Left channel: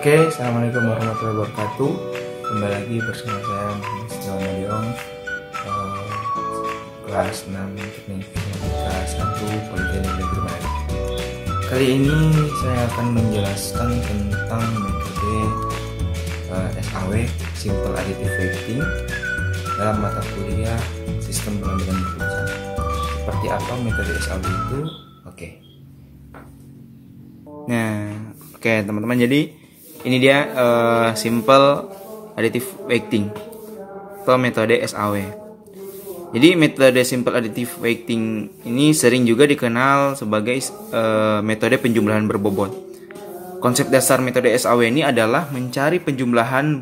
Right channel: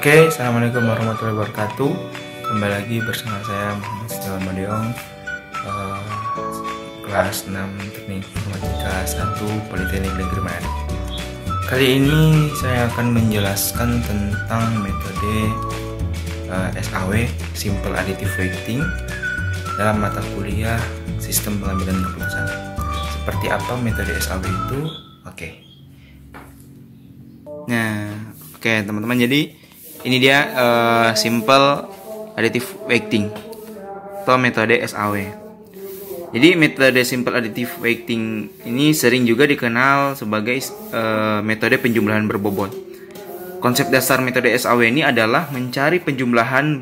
Oke, assalamualaikum warahmatullahi wabarakatuh. Kembali lagi bersama saya Muhammad Setiawan Madiong, kelas 6 Teknik Informatika 1 Politeknik Negeri Manado. Kali ini saya akan menjelaskan tentang metode SAW Simple Additive Weighting dalam mata kuliah Sistem Pengambilan Keputusan. Seperti apa metode SAW itu? Oke, teman-teman, jadi ini dia Simple Additive Weighting atau metode SAW. Jadi metode Simple Additive Weighting ini sering juga dikenal sebagai metode penjumlahan berbobot. Konsep dasar metode SAW ini adalah mencari penjumlahan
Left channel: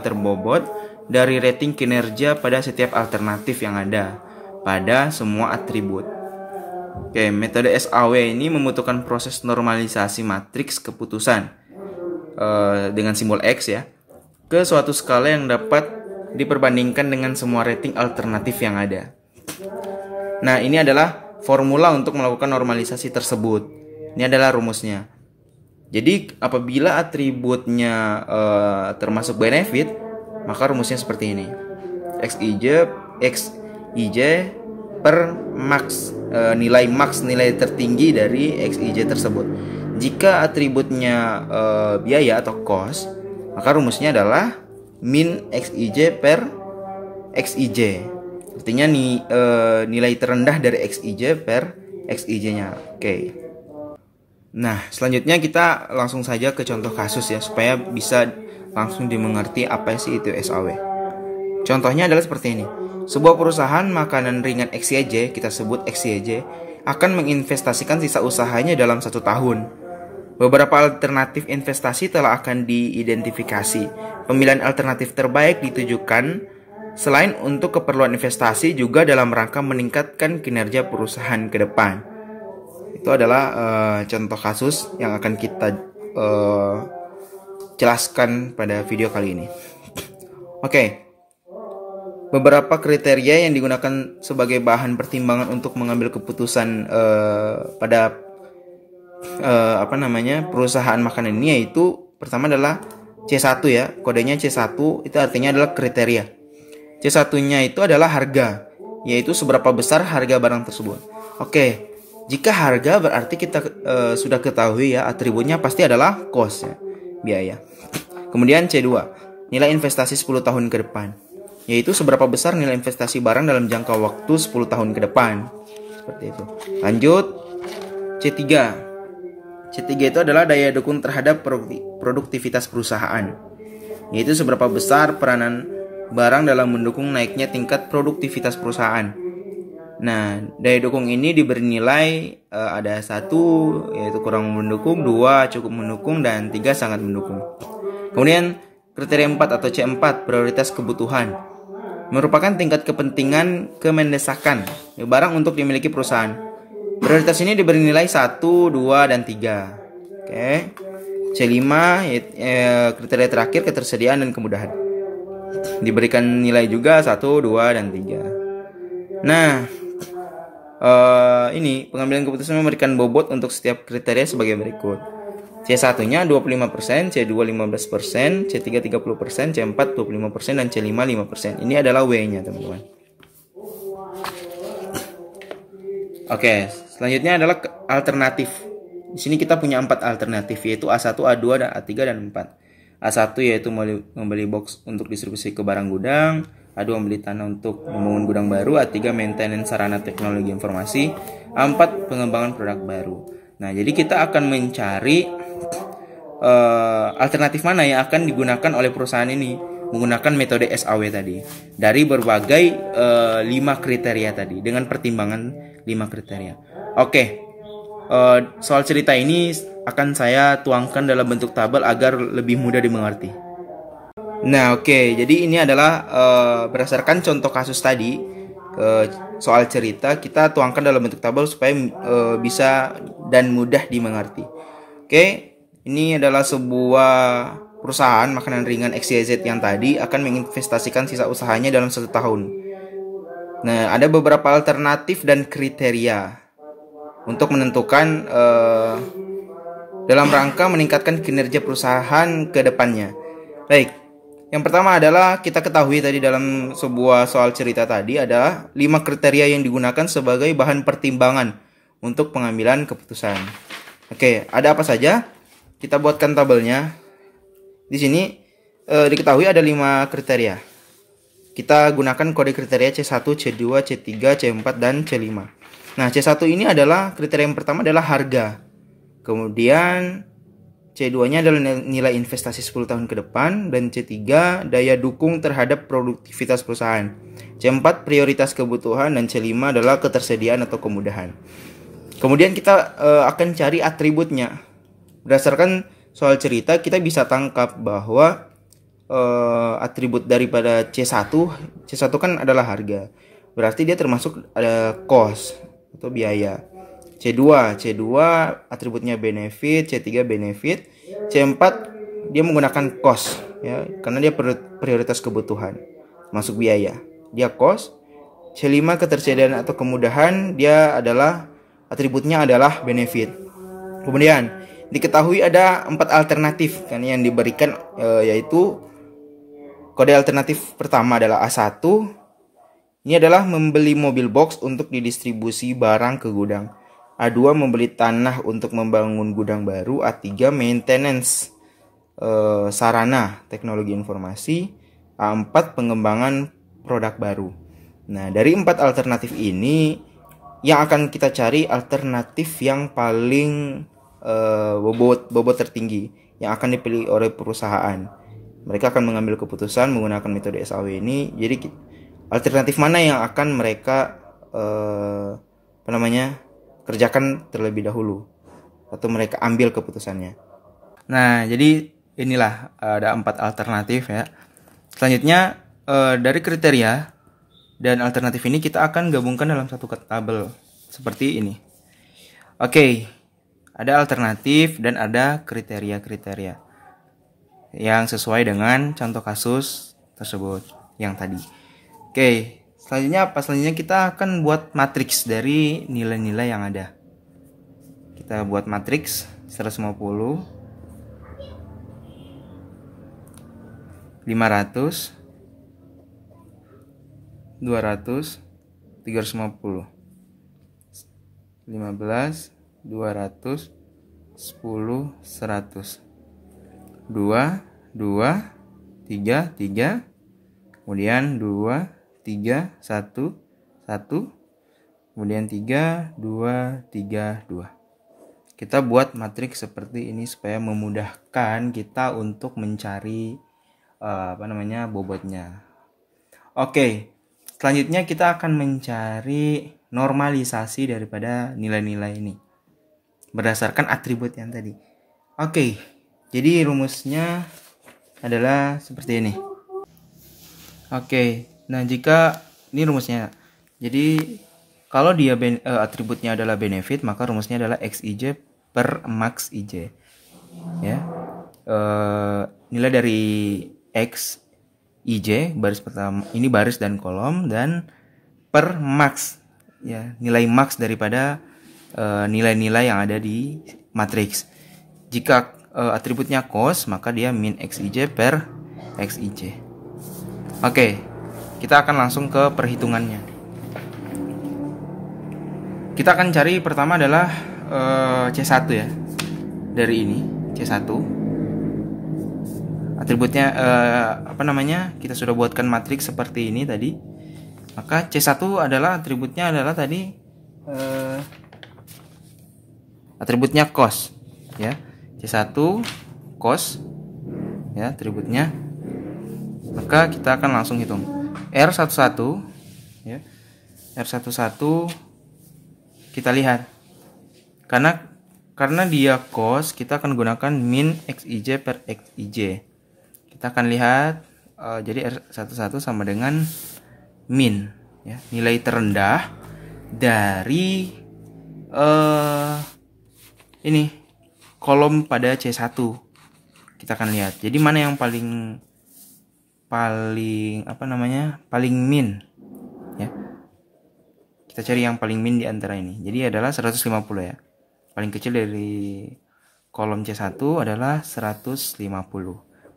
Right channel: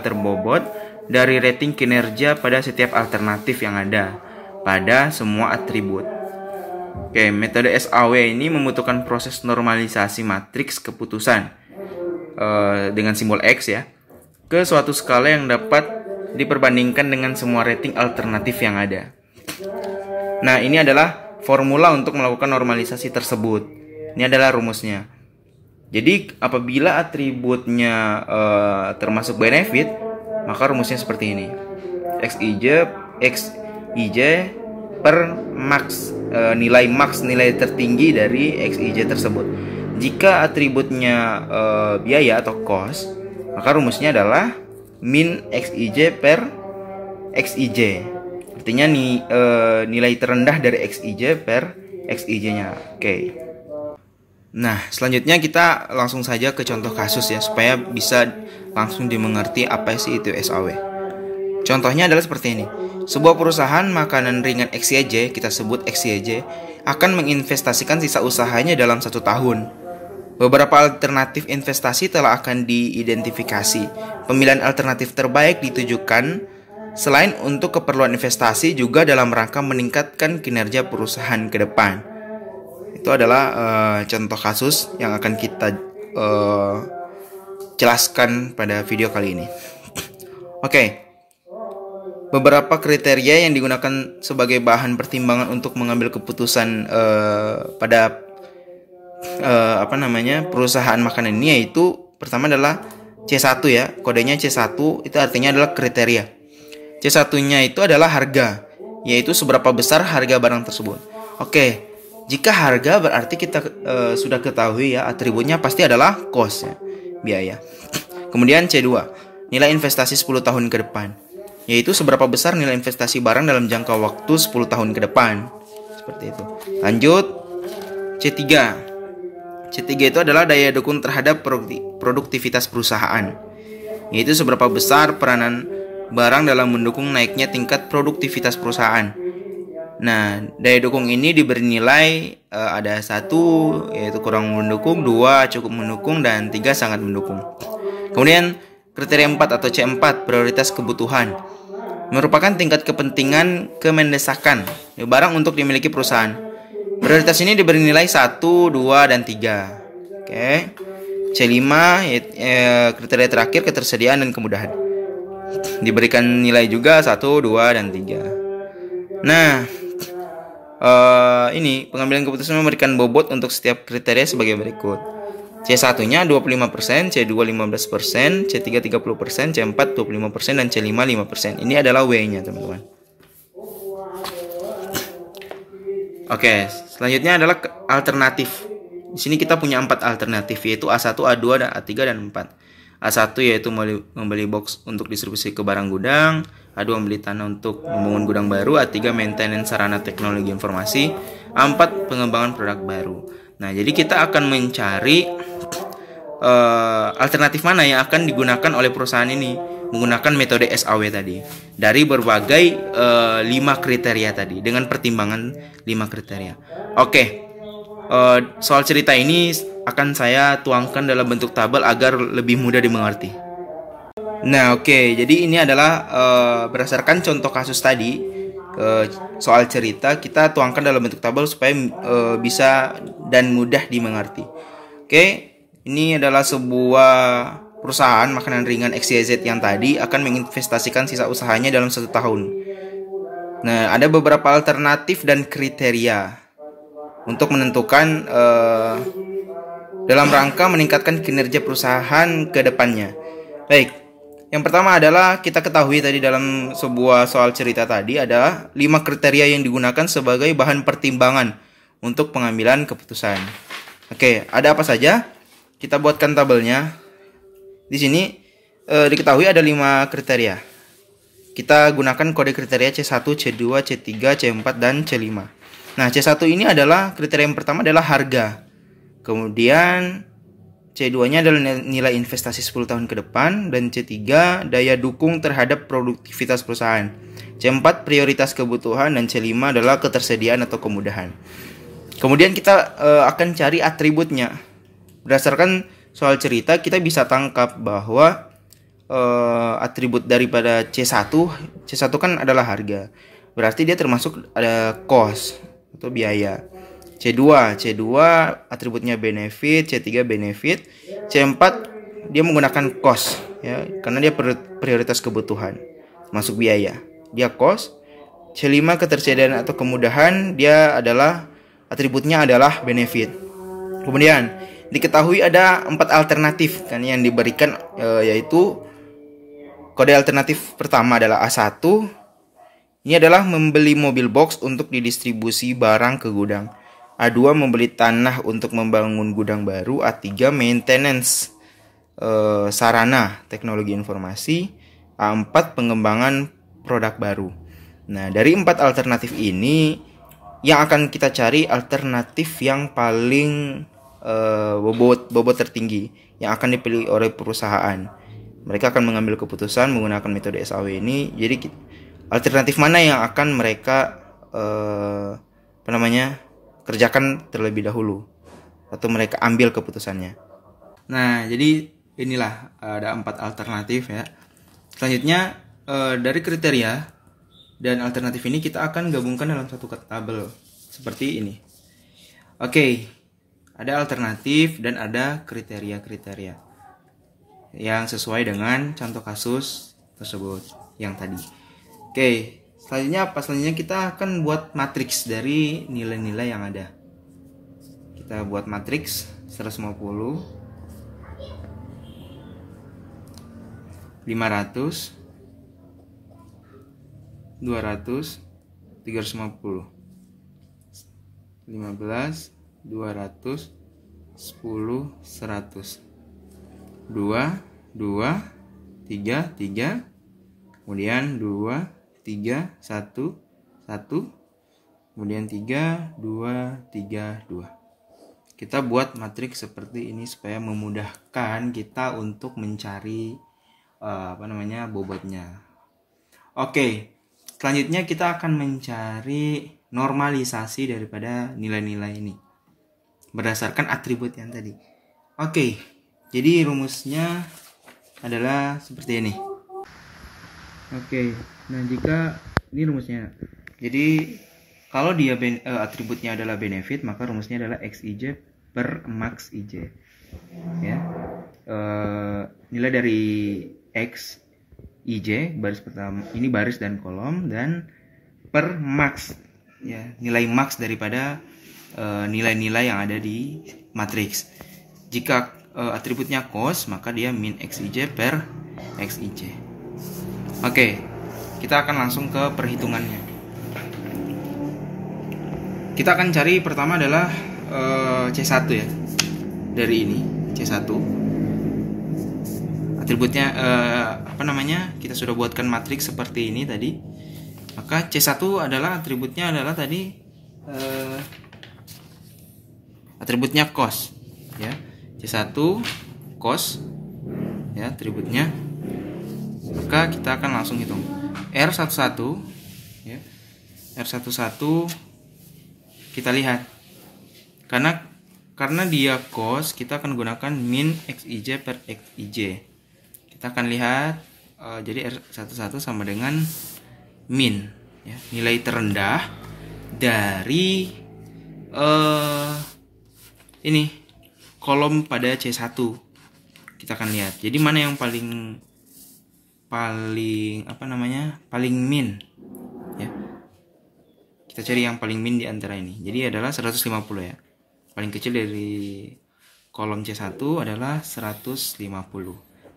terbobot dari rating kinerja pada setiap alternatif yang ada pada semua atribut. Oke, metode SAW ini membutuhkan proses normalisasi matriks keputusan dengan simbol X ya ke suatu skala yang dapat diperbandingkan dengan semua rating alternatif yang ada. Nah, ini adalah formula untuk melakukan normalisasi tersebut. Ini adalah rumusnya. Jadi apabila atributnya termasuk benefit, maka rumusnya seperti ini. XIJ per max, nilai tertinggi dari XIJ tersebut. Jika atributnya biaya atau cost, maka rumusnya adalah min XIJ per XIJ. Artinya nilai terendah dari XIJ per XIJ-nya. Oke. Nah, selanjutnya kita langsung saja ke contoh kasus ya, supaya bisa langsung dimengerti apa sih itu SAW. Contohnya adalah seperti ini. Sebuah perusahaan makanan ringan XYZ, kita sebut XYZ, akan menginvestasikan sisa usahanya dalam 1 tahun. Beberapa alternatif investasi telah akan diidentifikasi. Pemilihan alternatif terbaik ditujukan selain untuk keperluan investasi juga dalam rangka meningkatkan kinerja perusahaan ke depan. Itu adalah contoh kasus yang akan kita jelaskan pada video kali ini. Oke. Beberapa kriteria yang digunakan sebagai bahan pertimbangan untuk mengambil keputusan pada perusahaan makanan ini, yaitu pertama adalah C1 ya, kodenya C1 itu artinya adalah kriteria. C1-nya itu adalah harga, yaitu seberapa besar harga barang tersebut. Oke, jika harga berarti kita sudah ketahui ya, atributnya pasti adalah cost ya, biaya. Kemudian C2, nilai investasi 10 tahun ke depan, yaitu seberapa besar nilai investasi barang dalam jangka waktu 10 tahun ke depan. Seperti itu. Lanjut, C3. C3 itu adalah daya dukung terhadap produktivitas perusahaan, yaitu seberapa besar peranan barang dalam mendukung naiknya tingkat produktivitas perusahaan. Nah, daya dukung ini diberi nilai ada 1 yaitu kurang mendukung, 2 cukup mendukung, dan 3 sangat mendukung. Kemudian kriteria 4 atau C4, prioritas kebutuhan, merupakan tingkat kepentingan kemendesakan barang untuk dimiliki perusahaan. Prioritas ini diberi nilai 1, 2, dan 3. Oke. C5, kriteria terakhir, ketersediaan dan kemudahan. Diberikan nilai juga 1, 2, dan 3. Nah, ini pengambilan keputusan memberikan bobot untuk setiap kriteria sebagai berikut. C1-nya 25%, C2 15%, C3 30%, C4 25%, dan C5 5%. Ini adalah W-nya, teman-teman. Oke, selanjutnya adalah alternatif. Di sini kita punya 4 alternatif, yaitu A1, A2, A3, dan 4. A1 yaitu membeli box untuk distribusi ke barang gudang, A2 membeli tanah untuk membangun gudang baru, A3 maintenance sarana teknologi informasi, A4 pengembangan produk baru. Nah, jadi kita akan mencari alternatif mana yang akan digunakan oleh perusahaan ini menggunakan metode SAW tadi dari berbagai 5 kriteria tadi dengan pertimbangan 5 kriteria. Oke, soal cerita ini akan saya tuangkan dalam bentuk tabel agar lebih mudah dimengerti. Nah, oke, jadi ini adalah berdasarkan contoh kasus tadi, soal cerita kita tuangkan dalam bentuk tabel supaya bisa dan mudah dimengerti. Oke, ini adalah sebuah perusahaan makanan ringan XYZ yang tadi akan menginvestasikan sisa usahanya dalam 1 tahun. Nah, ada beberapa alternatif dan kriteria untuk menentukan dalam rangka meningkatkan kinerja perusahaan ke depannya. Baik, yang pertama adalah kita ketahui tadi dalam sebuah soal cerita tadi adalah 5 kriteria yang digunakan sebagai bahan pertimbangan untuk pengambilan keputusan. Oke, ada apa saja? Kita buatkan tabelnya. Di sini diketahui ada 5 kriteria. Kita gunakan kode kriteria C1, C2, C3, C4, dan C5. Nah, C1 ini adalah kriteria yang pertama adalah harga. Kemudian C2-nya adalah nilai investasi 10 tahun ke depan, dan C3 daya dukung terhadap produktivitas perusahaan. C4 prioritas kebutuhan, dan C5 adalah ketersediaan atau kemudahan. Kemudian kita akan cari atributnya. Berdasarkan soal cerita kita bisa tangkap bahwa atribut daripada C1 kan adalah harga. Berarti dia termasuk ada cost atau biaya. C2 atributnya benefit, C3 benefit, C4 dia menggunakan cost ya, karena dia prioritas kebutuhan, masuk biaya. Dia cost. C5 ketersediaan atau kemudahan, dia adalah atributnya adalah benefit. Kemudian diketahui ada 4 alternatif kan yang diberikan, yaitu kode alternatif pertama adalah A1. Ini adalah membeli mobil box untuk didistribusi barang ke gudang. A2 membeli tanah untuk membangun gudang baru. A3 maintenance sarana teknologi informasi. A4 pengembangan produk baru. Nah, dari 4 alternatif ini yang akan kita cari alternatif yang paling bobot tertinggi yang akan dipilih oleh perusahaan. Mereka akan mengambil keputusan menggunakan metode SAW ini. Jadi alternatif mana yang akan mereka kerjakan terlebih dahulu atau mereka ambil keputusannya. Nah, jadi inilah ada 4 alternatif ya. Selanjutnya dari kriteria dan alternatif ini kita akan gabungkan dalam satu tabel seperti ini. Oke, ada alternatif dan ada kriteria-kriteria yang sesuai dengan contoh kasus tersebut yang tadi. Oke, selanjutnya apa? Selanjutnya kita akan buat matriks dari nilai-nilai yang ada. Kita buat matriks 150, 500, 200, 350, 15, 200, 10, 100, 2, 3, 3, kemudian 2, 3, 1, 1, kemudian 3, 2, 3, 2. Kita buat matriks seperti ini supaya memudahkan kita untuk mencari bobotnya. Oke, selanjutnya kita akan mencari normalisasi daripada nilai-nilai ini berdasarkan atribut yang tadi. Oke, jadi rumusnya adalah seperti ini. Oke, nah jika ini rumusnya, jadi kalau dia atributnya adalah benefit, maka rumusnya adalah XIJ per max IJ. Ya, nilai dari X IJ baris pertama ini baris dan kolom, dan per max ya, nilai max daripada nilai-nilai yang ada di matriks. Jika atributnya cost, maka dia min XIJ per XIJ. Oke, kita akan langsung ke perhitungannya. Kita akan cari pertama adalah C1 ya. Dari ini C1. Atributnya kita sudah buatkan matriks seperti ini tadi. Maka C1 adalah atributnya adalah tadi atributnya cost ya. C1 cost ya atributnya. Maka kita akan langsung hitung R11 ya. R11 kita lihat. Karena dia cost, kita akan gunakan min XIJ per XIJ. Kita akan lihat jadi R11 sama dengan min ya, nilai terendah dari ini kolom pada C1. Kita akan lihat. Jadi mana yang paling min ya. Kita cari yang paling min di antara ini. Jadi adalah 150 ya. Paling kecil dari kolom C1 adalah 150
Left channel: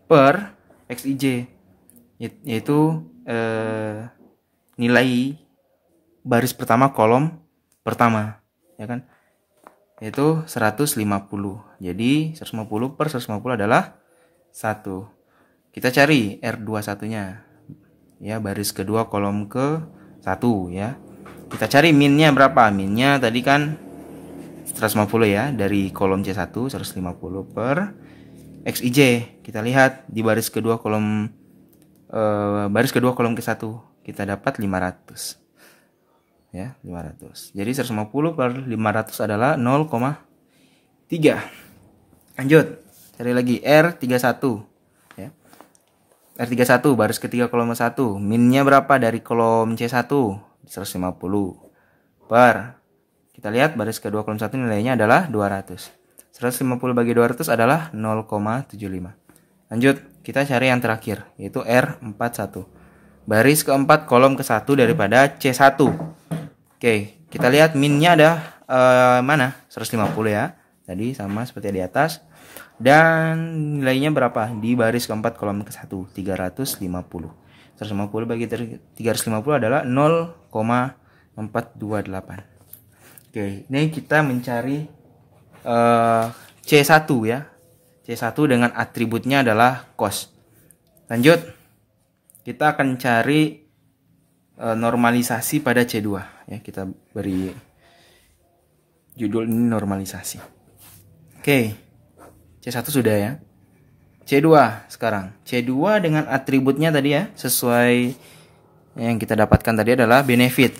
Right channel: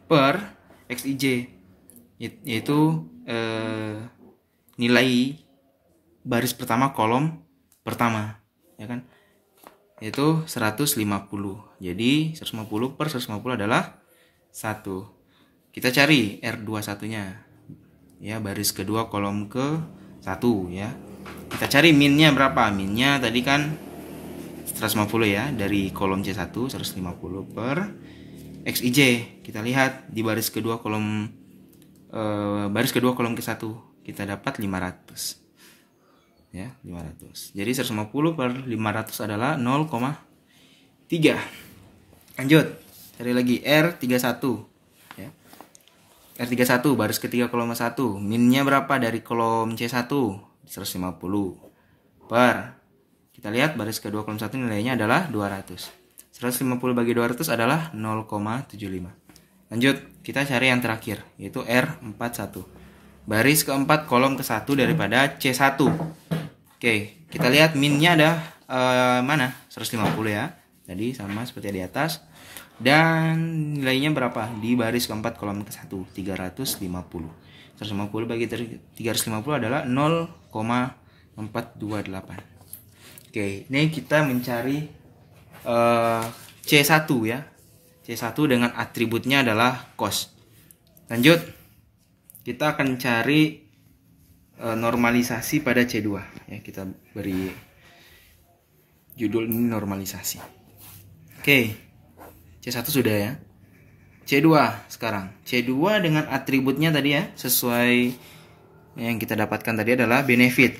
per XIJ, yaitu nilai baris pertama kolom pertama, ya kan, yaitu 150. Jadi 150 per 150 adalah 1. Kita cari R21 nya, ya, baris kedua kolom ke 1, ya. Kita cari minnya berapa. Minnya tadi kan 150, ya, dari kolom C1 150 per XIJ. Kita lihat di baris kedua kolom ke 1 kita dapat 500, ya, 500. Jadi 150 per 500 adalah 0,3. Lanjut, cari lagi R31, ya. R31 baris ketiga kolom 1, minnya berapa dari kolom C1? 150 per, kita lihat baris kedua kolom 1 nilainya adalah 200. 150 bagi 200 adalah 0,75. Lanjut, kita cari yang terakhir, yaitu R41. Baris keempat kolom ke-1 daripada C1. Oke, kita lihat minnya ada mana? 150, ya. Tadi sama seperti di atas. Dan nilainya berapa? Di baris keempat kolom ke-1, 350. 150 bagi 350 adalah 0,428. Oke, ini kita mencari C1, ya. C1 dengan atributnya adalah cost. Lanjut, kita akan cari normalisasi pada C2, ya. Kita beri judul ini normalisasi. Oke, C1 sudah, ya. C2 sekarang. C2 dengan atributnya tadi, ya, sesuai yang kita dapatkan tadi adalah benefit.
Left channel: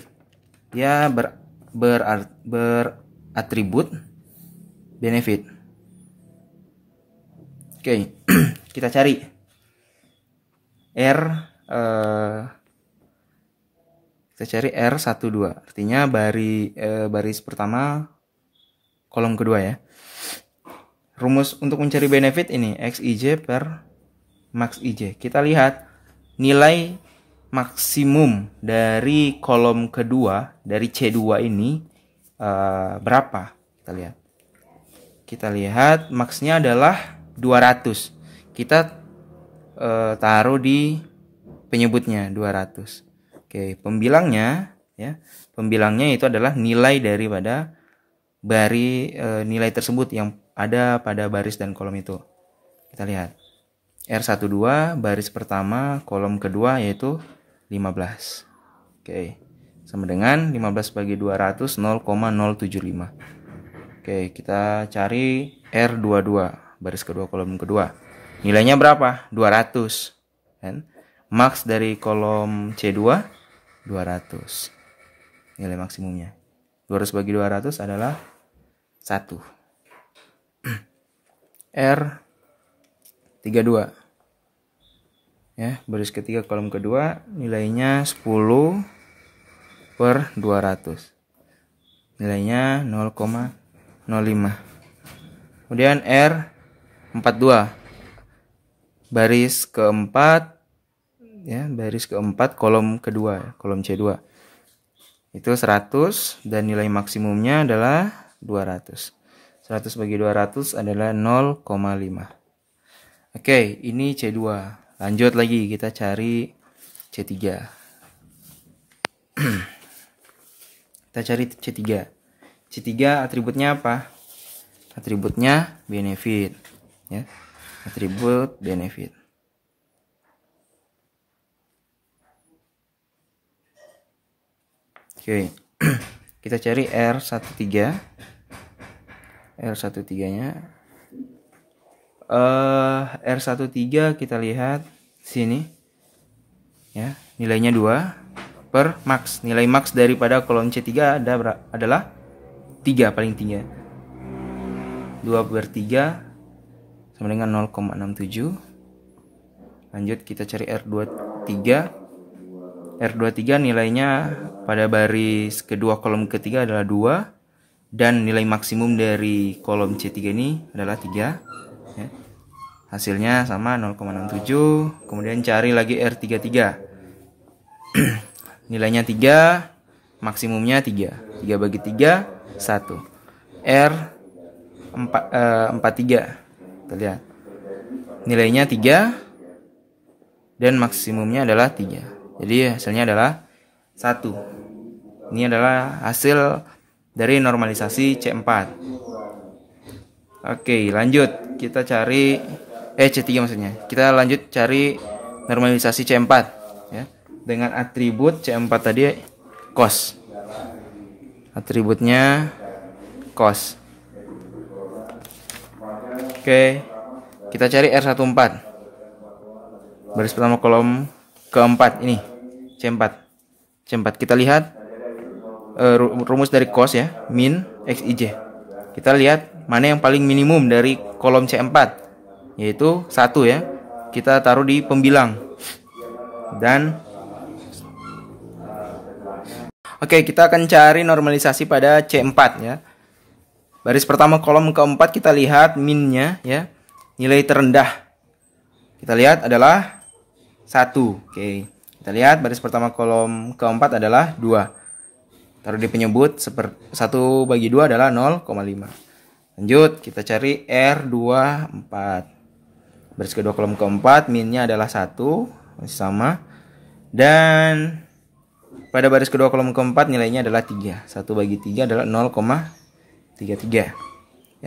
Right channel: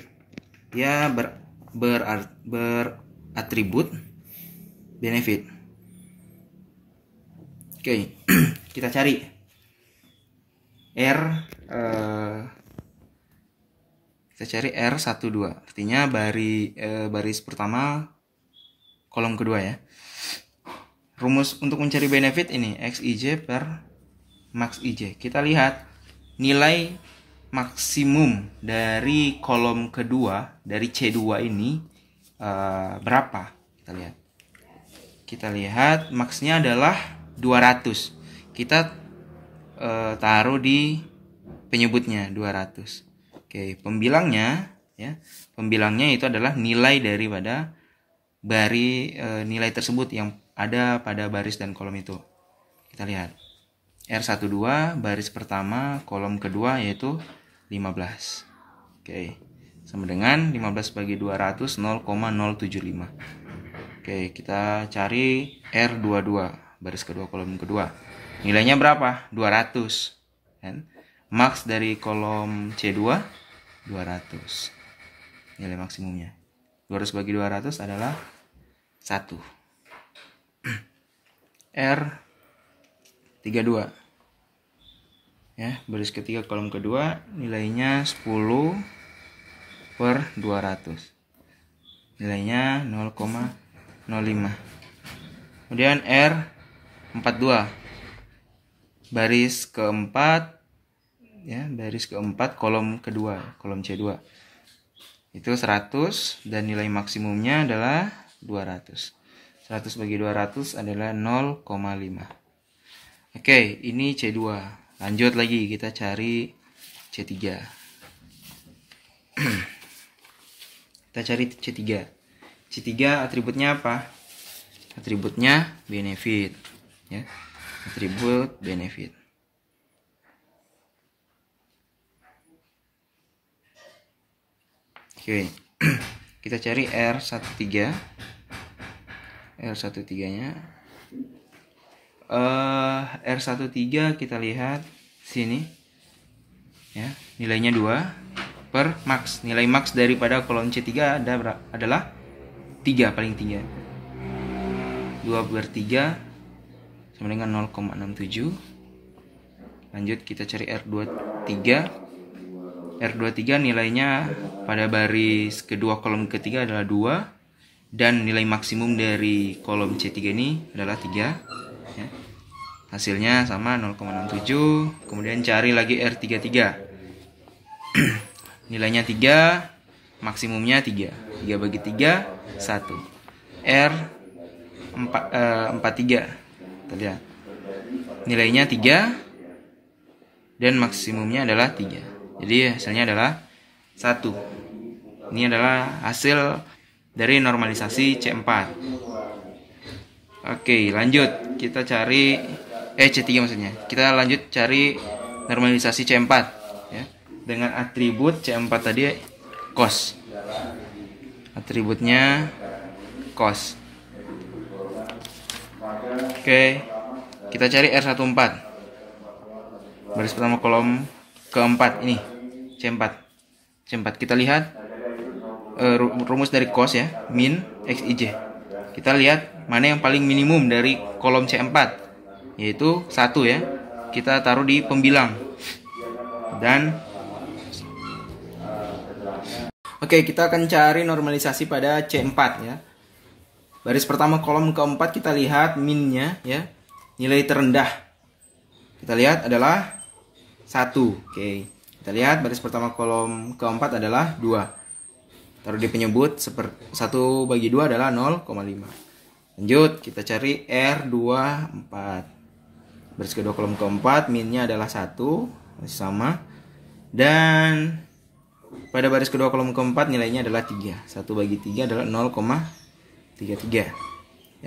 Ya, beratribut benefit. Oke, kita cari R12, artinya baris pertama kolom kedua, ya. Rumus untuk mencari benefit ini XIJ per max IJ. Kita lihat nilai maksimum dari kolom kedua dari C2 ini berapa. Kita lihat maksnya adalah 200. Kita taruh di penyebutnya 200. Oke, pembilangnya, ya. Pembilangnya itu adalah nilai daripada nilai tersebut yang ada pada baris dan kolom itu. Kita lihat. R12 baris pertama kolom kedua yaitu 15. Oke. Sama dengan 15 bagi 200 0,075. Oke, kita cari R22 baris kedua kolom kedua. Nilainya berapa? 200. Kan? Max dari kolom C2 200. Nilai maksimumnya. 200 bagi 200 adalah 1. R32. Ya, baris ketiga kolom kedua nilainya 10 per 200. Nilainya 0,05. Kemudian R42 baris keempat, ya, baris keempat kolom kedua, kolom C2 itu 100 dan nilai maksimumnya adalah 200. 100 bagi 200 adalah 0,5. Oke, ini C2. Lanjut lagi, kita cari C3. Kita cari C3. C3 atributnya apa? Atributnya benefit, ya. Atribut benefit. Oke. Kita cari R13. R13-nya R13 kita lihat sini, ya, nilainya 2 per max. Nilai max daripada kolom C3 adalah 3, paling tinggi. 2 per 3 sama dengan 0,67. Lanjut kita cari R23. R23 nilainya pada baris kedua kolom ketiga adalah 2 dan nilai maksimum dari kolom C3 ini adalah 3, ya. Hasilnya sama 0,67. Kemudian cari lagi R33. Nilainya 3, maksimumnya 3. 3 bagi 3 1. R 43. Kita lihat. Nilainya 3 dan maksimumnya adalah 3. Jadi hasilnya adalah 1. Ini adalah hasil dari normalisasi C4. Oke, lanjut. Kita cari C3 maksudnya. Kita lanjut cari normalisasi C4 ya. Dengan atribut C4 tadi cos. Atributnya cos. Oke. Kita cari R14. Baris pertama kolom keempat ini. C4. Kita lihat rumus dari cos ya, min XIJ. Kita lihat mana yang paling minimum dari kolom C4, yaitu 1 ya. Kita taruh di pembilang. Dan oke, kita akan cari normalisasi pada C4 ya. Baris pertama kolom keempat kita lihat minnya ya. Nilai terendah kita lihat adalah 1. Oke. Kita lihat baris pertama kolom keempat adalah 2. Taruh di penyebut 1/2 adalah 0,5. Lanjut, kita cari R24. Baris kedua kolom keempat, minnya adalah 1, masih sama. Dan pada baris kedua kolom keempat nilainya adalah 3. 1/3 adalah 0,33.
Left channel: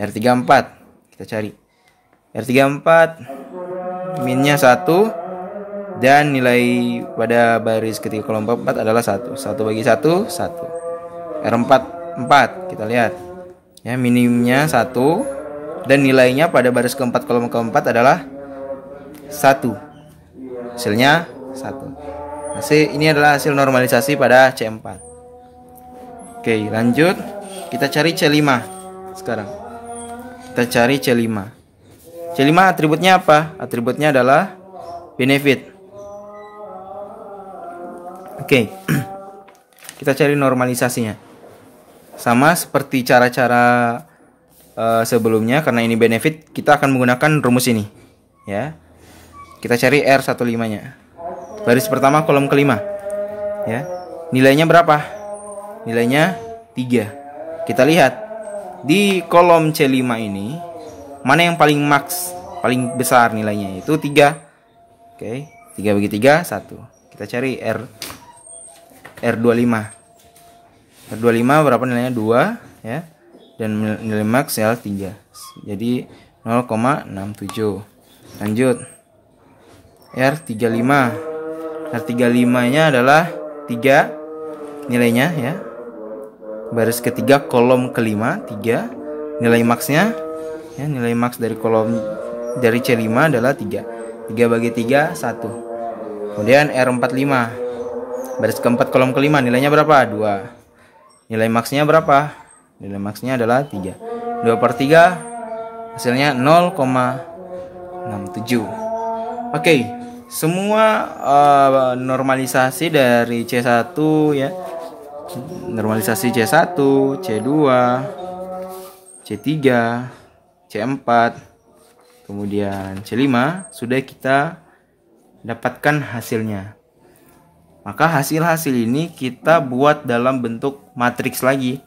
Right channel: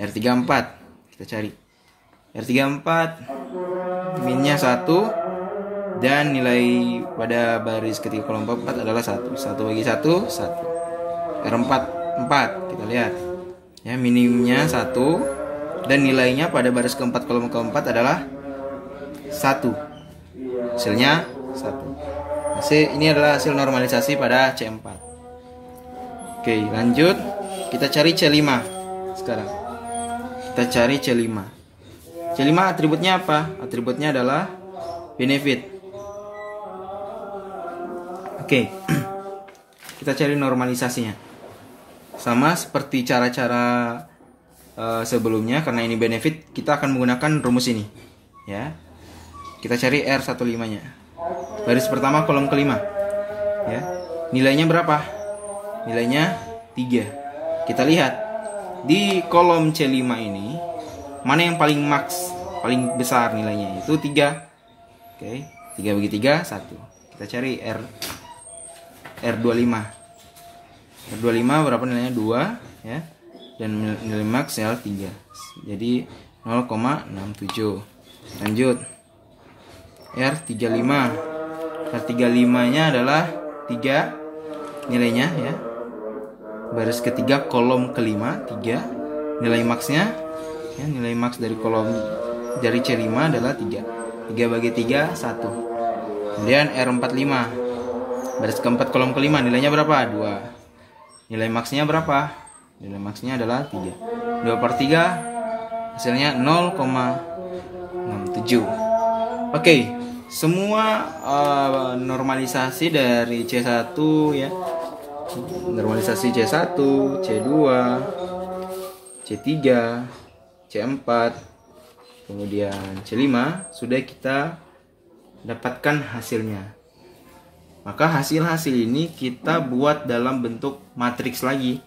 R34, kita cari. R34, minnya 1. Dan nilai pada baris ketiga kolom keempat adalah 1. 1/1, 1. R44, kita lihat. Ya, minimnya 1. Dan nilainya pada baris keempat kolom keempat adalah 1. Hasilnya 1. Ini adalah hasil normalisasi pada C4. Oke, lanjut. Kita cari C5 sekarang. Kita cari C5. C5 atributnya apa? Atributnya adalah benefit. Oke. Kita cari normalisasinya. Sama seperti cara-cara sebelumnya, karena ini benefit, kita akan menggunakan rumus ini. Ya. Kita cari R15-nya. Baris pertama kolom kelima. Ya. Nilainya berapa? Nilainya 3. Kita lihat di kolom C5 ini mana yang paling max, paling besar nilainya, itu 3. Oke, 3/3, 1. Kita cari R25. R25 berapa nilainya? 2 ya. Dan nilai max ya 3. Jadi 0,67. Lanjut. R35. R35-nya adalah 3 nilainya ya. Baris ketiga kolom kelima 3. Nilai maxnya ya, nilai max dari kolom dari C5 adalah 3. 3/3, 1. Kemudian R45. Baris keempat kolom kelima nilainya berapa? 2. Nilai maxnya berapa? Nilai maxnya adalah 3. 2/3 hasilnya 0,67. Oke, semua normalisasi dari C1 ya. Normalisasi C1, C2, C3, C4, kemudian C5 sudah kita dapatkan hasilnya. Maka hasil-hasil ini kita buat dalam bentuk matriks lagi.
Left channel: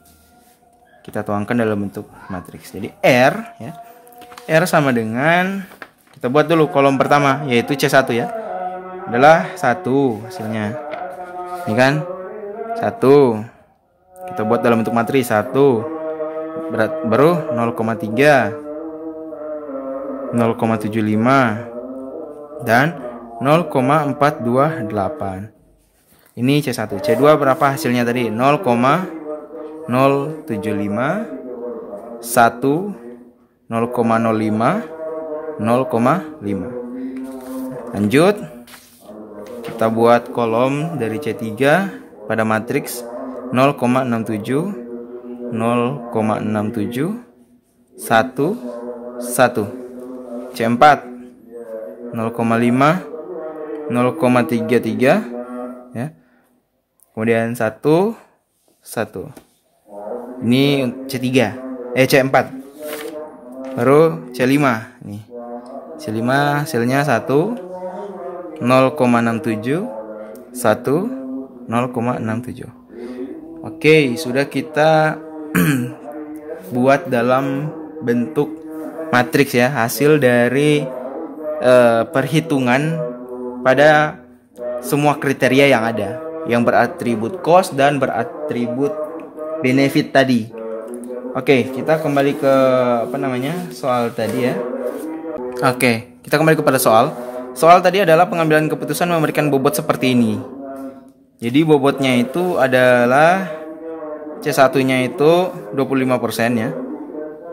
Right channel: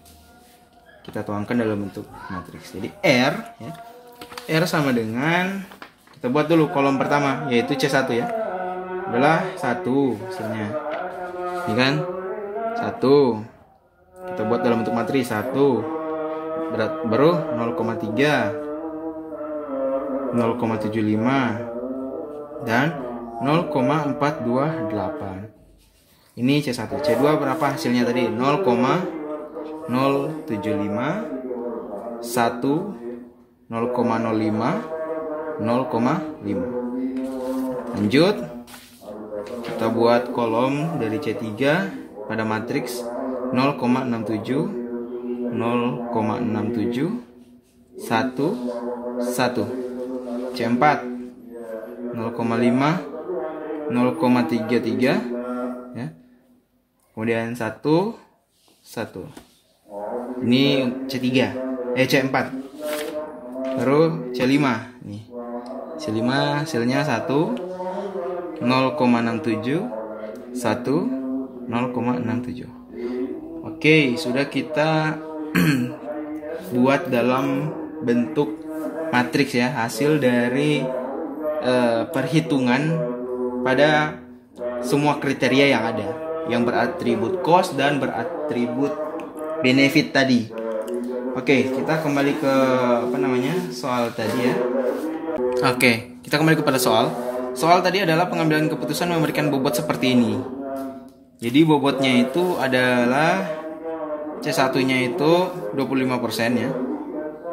Kita tuangkan dalam bentuk matriks. Jadi R ya. R sama dengan, kita buat dulu kolom pertama yaitu C1 ya. Adalah 1 hasilnya. Ini kan 1. Kita buat dalam bentuk matriks 1. Baru 0,3, 0,75 dan 0,428. Ini C1. C2 berapa hasilnya tadi? 0,075, 1, 0,05, 0,5. Lanjut, kita buat kolom dari C3 pada matriks 0,67, 0,67, 1, 1. C4 0,5, 0,33 ya. Kemudian 1, 1. Ini C3, C4. Baru C5 nih. C5 hasilnya 1, 0,67, 1, 0,67. Oke, sudah kita buat dalam bentuk matriks ya, hasil dari perhitungan pada semua kriteria yang ada, yang beratribut cost dan beratribut benefit tadi. Oke, kita kembali ke soal tadi ya. Oke, kita kembali kepada soal. Soal tadi adalah pengambilan keputusan memberikan bobot seperti ini. Jadi bobotnya itu adalah C1-nya itu 25% ya.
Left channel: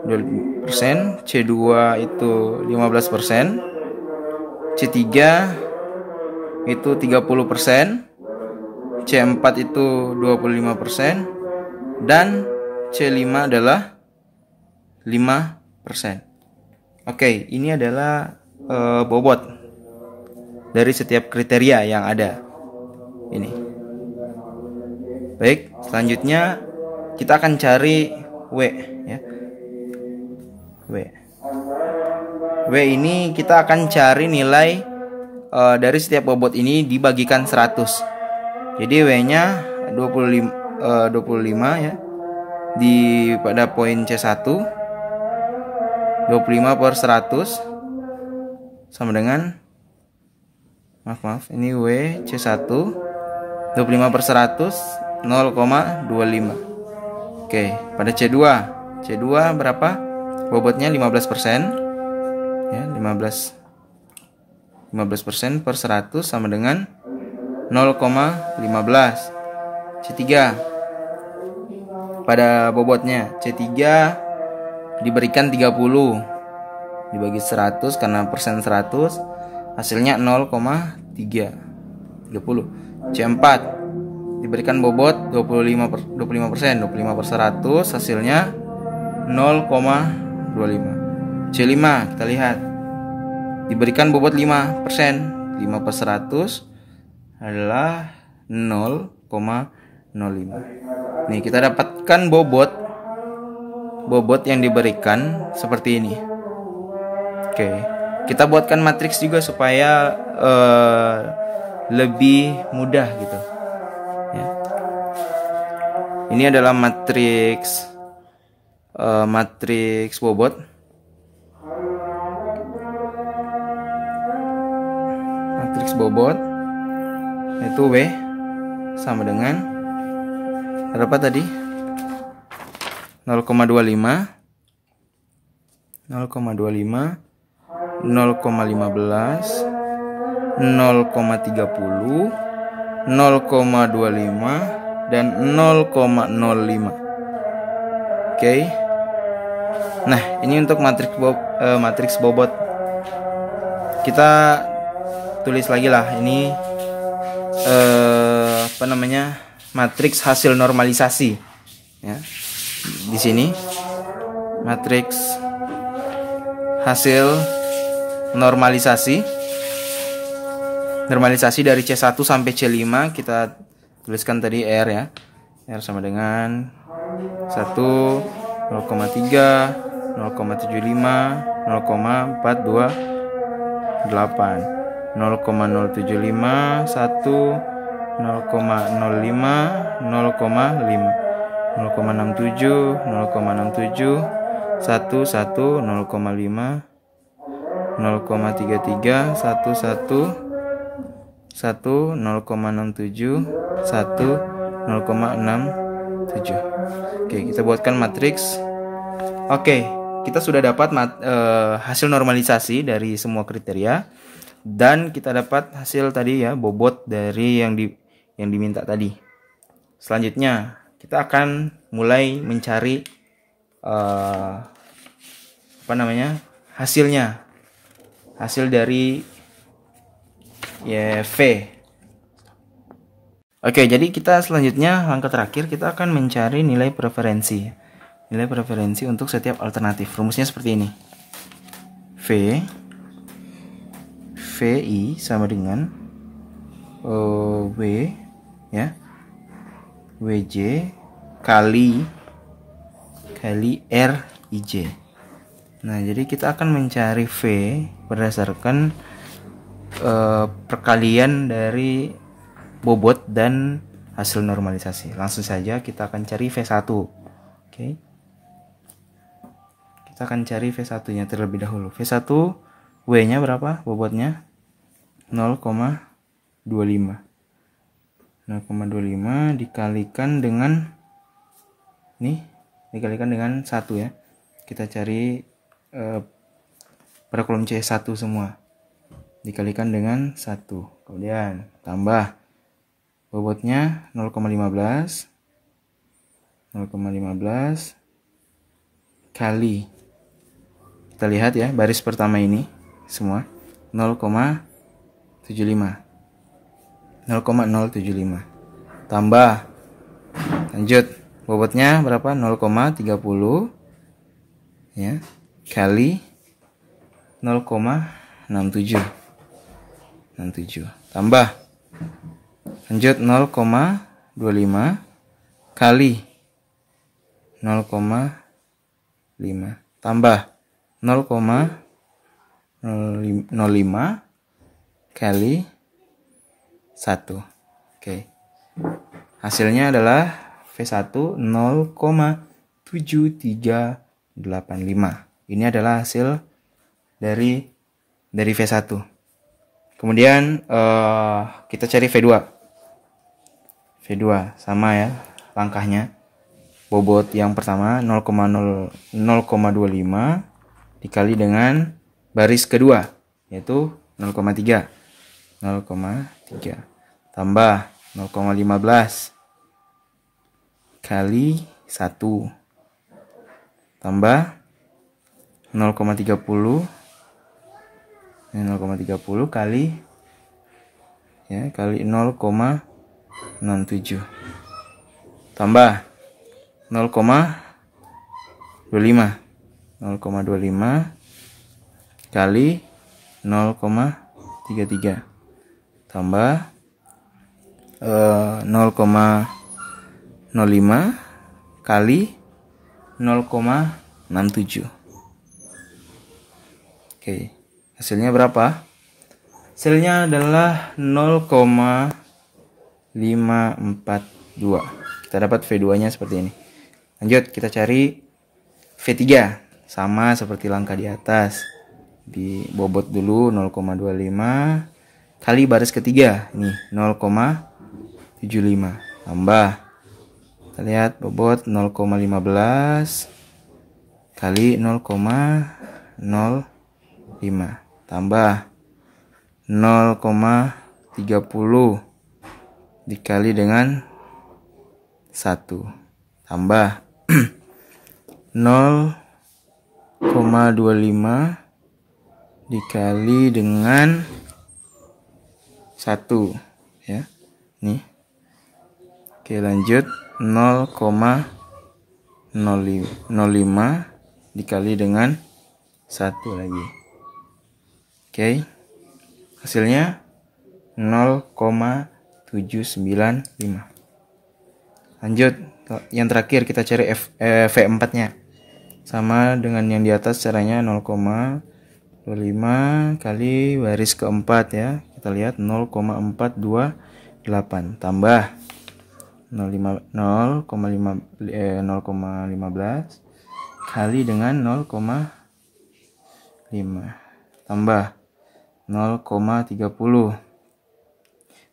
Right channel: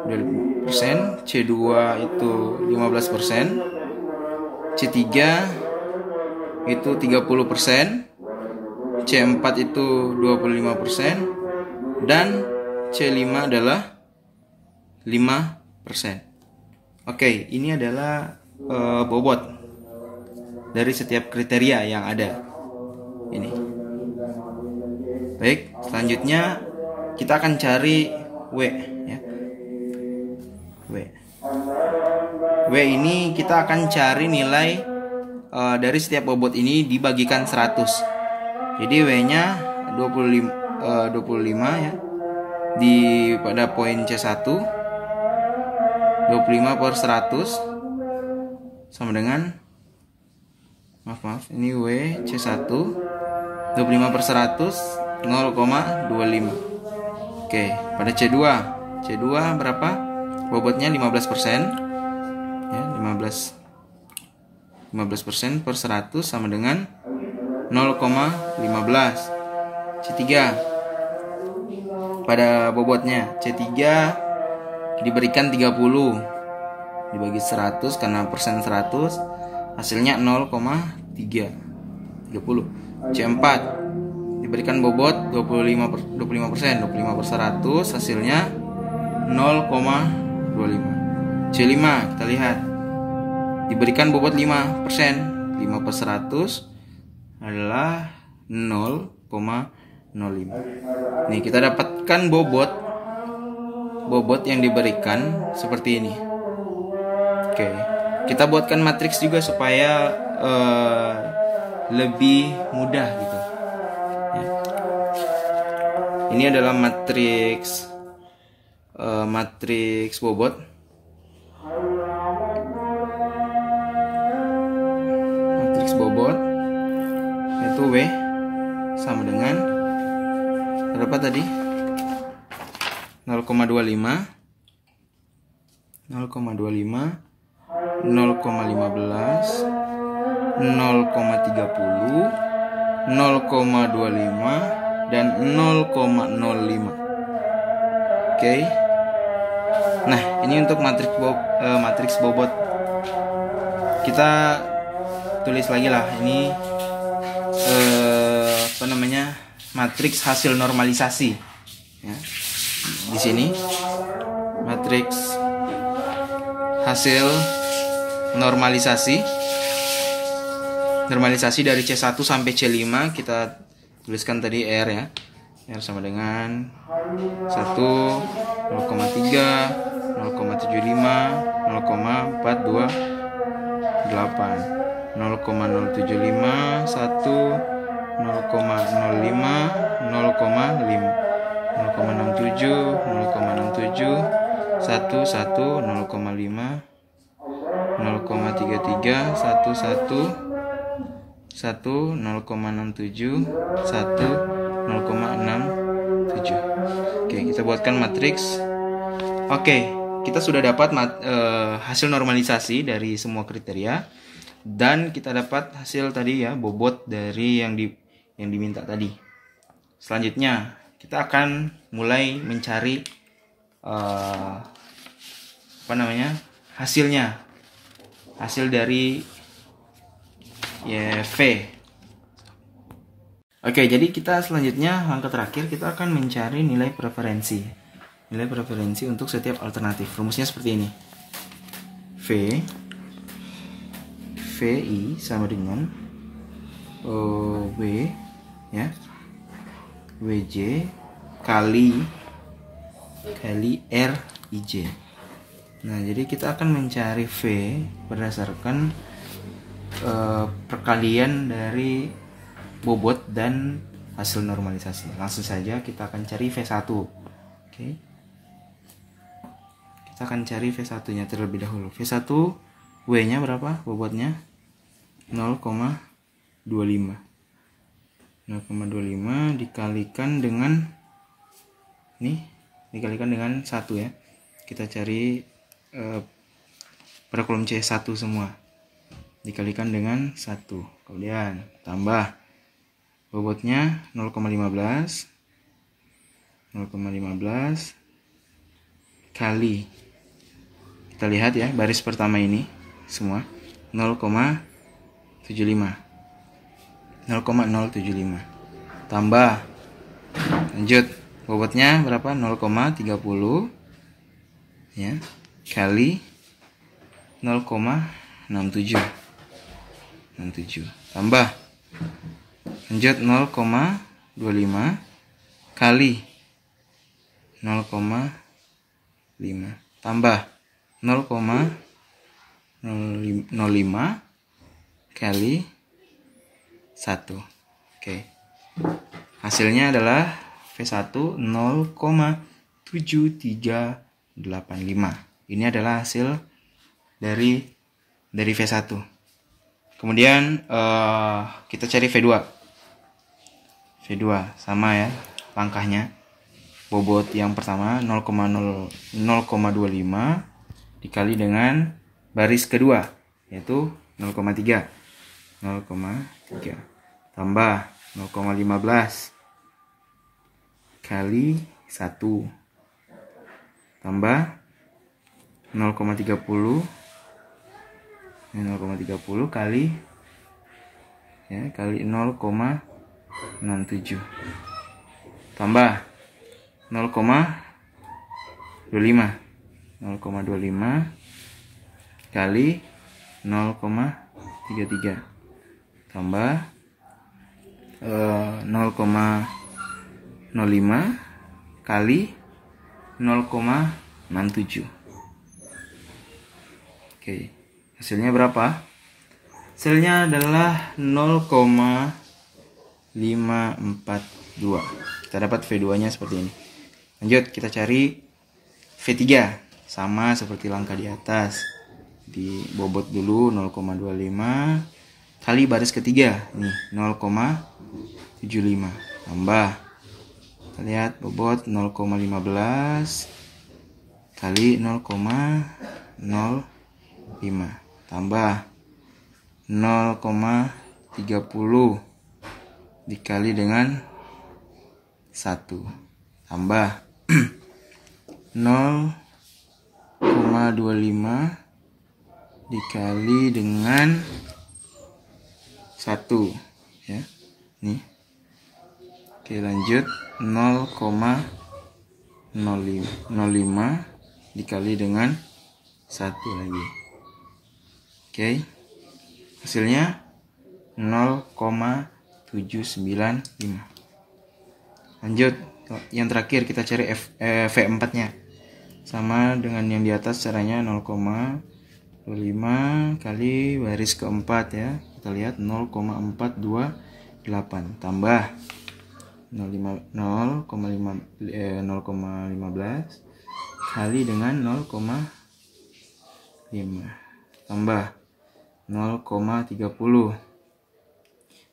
20%, C2 itu 15%, C3 itu 30%, C4 itu 25%, dan C5 adalah 5%. Oke, ini adalah bobot dari setiap kriteria yang ada. Ini. Baik, selanjutnya kita akan cari W ya. W ini kita akan cari nilai dari setiap bobot ini dibagikan 100. Jadi W-nya 25 ya. Pada poin C1 25 per 100 sama dengan ini W C1 25 per 100 0,25. Oke, pada C2 berapa? Bobotnya 15% ya, 15% per 100 sama dengan 0,15. C3 pada bobotnya C3 diberikan 30 dibagi 100 karena persen 100 hasilnya 0,30. C4 diberikan bobot 25 per 100 hasilnya 0,25. C5 kita lihat diberikan bobot 5%, 5 per 100 adalah 0,05. Nih kita dapatkan bobot yang diberikan seperti ini. Oke, kita buatkan matriks juga supaya lebih mudah gitu ya. Ini adalah matriks bobot. Matriks bobot itu W sama dengan berapa tadi? 0,25 0,15 0,30 0,25 dan 0,05. Oke. Nah, ini untuk matriks bobot. Kita tulis lagi lah ini matriks hasil normalisasi ya. Di sini matriks hasil normalisasi dari C1 sampai C5 kita tuliskan tadi R ya. R sama dengan 1 0,3 0,75 0,428 0,075 1 0,05 0,067 0,67 1 0,5 0,33 1 0,67 1 0,67. Oke, kita buatkan matriks. Oke, kita sudah dapat hasil normalisasi dari semua kriteria dan kita dapat hasil tadi ya, bobot dari yang diminta tadi. Selanjutnya kita akan mulai mencari hasil dari V. Oke, jadi kita selanjutnya langkah terakhir kita akan mencari nilai preferensi. Nilai preferensi untuk setiap alternatif. Rumusnya seperti ini. VI sama dengan W ya. WJ kali RIJ. Nah, jadi kita akan mencari V berdasarkan perkalian dari bobot dan hasil normalisasi. Langsung saja kita akan cari V1. Oke. Kita akan cari V1 nya terlebih dahulu. V1 W nya berapa? Bobotnya 0,25 dikalikan dengan dikalikan dengan 1 ya. Kita cari pada kolom C1 semua. Dikalikan dengan 1. Kemudian tambah bobotnya 0,15 kali, kita lihat ya, baris pertama ini semua 0,075 tambah, lanjut, bobotnya berapa? 0,30 ya, kali 0,67 tambah, lanjut, 0,25 kali 0,5 tambah 0,05 kali 1. Oke. Hasilnya adalah V1 0,7385. Ini adalah hasil dari V1. Kemudian kita cari V2. V2 sama ya langkahnya. Bobot yang pertama 0,25 dikali dengan baris kedua yaitu 0,3 tambah 0,15 kali 1 tambah 0,30 kali 0,67 tambah 0,25 kali 0,33 tambah 0,05 kali 0,67. Oke, hasilnya berapa? Hasilnya adalah 0,542. Kita dapat V2 nya seperti ini. Lanjut, kita cari V3. Sama seperti langkah di atas. Di bobot dulu 0,25 kali baris ketiga. Ini 0,75 tambah. Kita lihat bobot 0,15 kali 0,05 tambah 0,30 dikali dengan 1 tambah 0,25 dikali dengan 1 ya. Nih. Oke, lanjut 0,05 dikali dengan 1 lagi. Oke. Hasilnya 0,795. Lanjut, yang terakhir kita cari V4 nya. Sama dengan yang di atas caranya 0,25 kali baris keempat ya. Kita lihat 0,428 tambah 0,15 kali dengan 0,5 tambah 0,30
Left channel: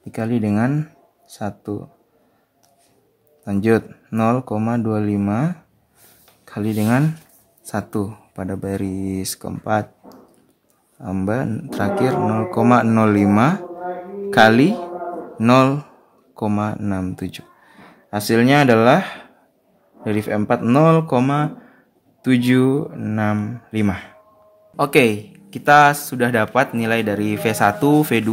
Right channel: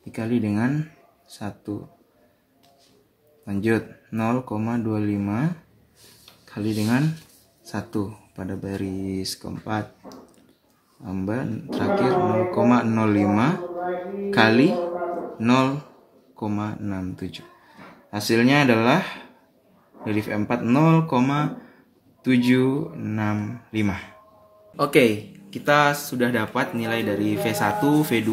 dikali dengan 1. Lanjut 0,25 kali dengan 1 pada baris keempat tambah terakhir 0,05 kali 0,67. Hasilnya adalah dari V4 0,765. Oke, kita sudah dapat nilai dari V1, V2,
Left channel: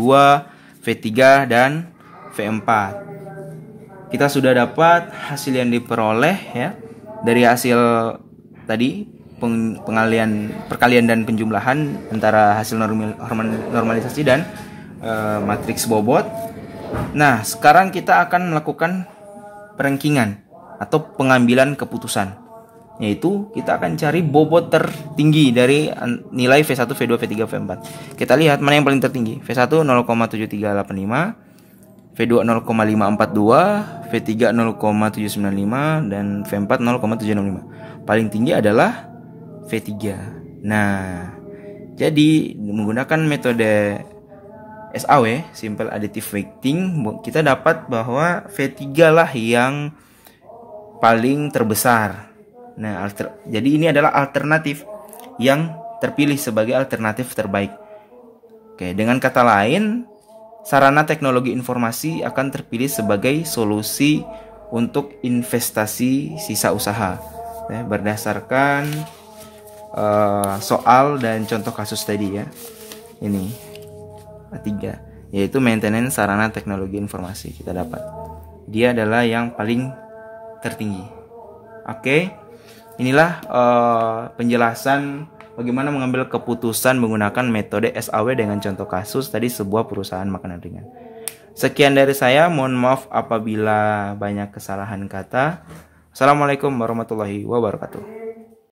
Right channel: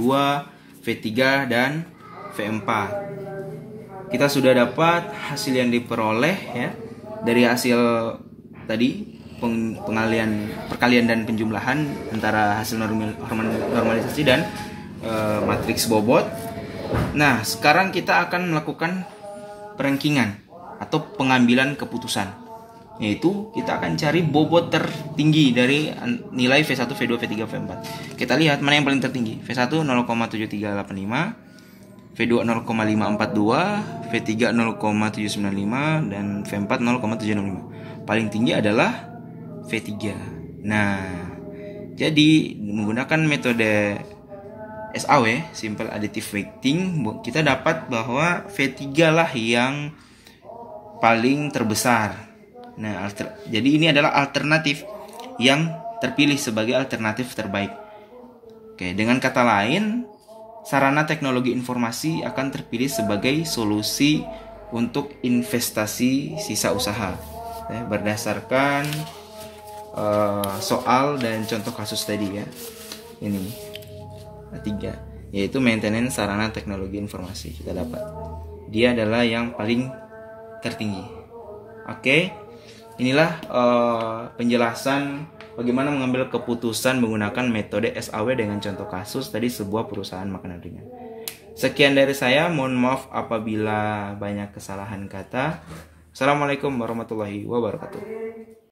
V3 dan V4. Kita sudah dapat hasil yang diperoleh ya dari hasil tadi perkalian dan penjumlahan antara hasil normalisasi dan matriks bobot. Nah, sekarang kita akan melakukan perankingan atau pengambilan keputusan, yaitu kita akan cari bobot tertinggi dari nilai V1, V2, V3, V4. Kita lihat mana yang paling tertinggi. V1 0,7385, V2 0,542, V3 0,795 dan V4 0,765. Paling tinggi adalah V3. Nah, jadi menggunakan metode SAW, Simple Additive Weighting, kita dapat bahwa V3 lah yang paling terbesar. Nah, jadi ini adalah alternatif yang terpilih sebagai alternatif terbaik. Oke, dengan kata lain, sarana teknologi informasi akan terpilih sebagai solusi untuk investasi sisa usaha. Berdasarkan soal dan contoh kasus tadi ya. Ini A3, yaitu maintenance sarana teknologi informasi. Kita dapat dia adalah yang paling tertinggi. Oke, inilah penjelasan bagaimana mengambil keputusan menggunakan metode SAW dengan contoh kasus tadi sebuah perusahaan makanan ringan. Sekian dari saya, mohon maaf apabila banyak kesalahan kata. Assalamualaikum warahmatullahi wabarakatuh.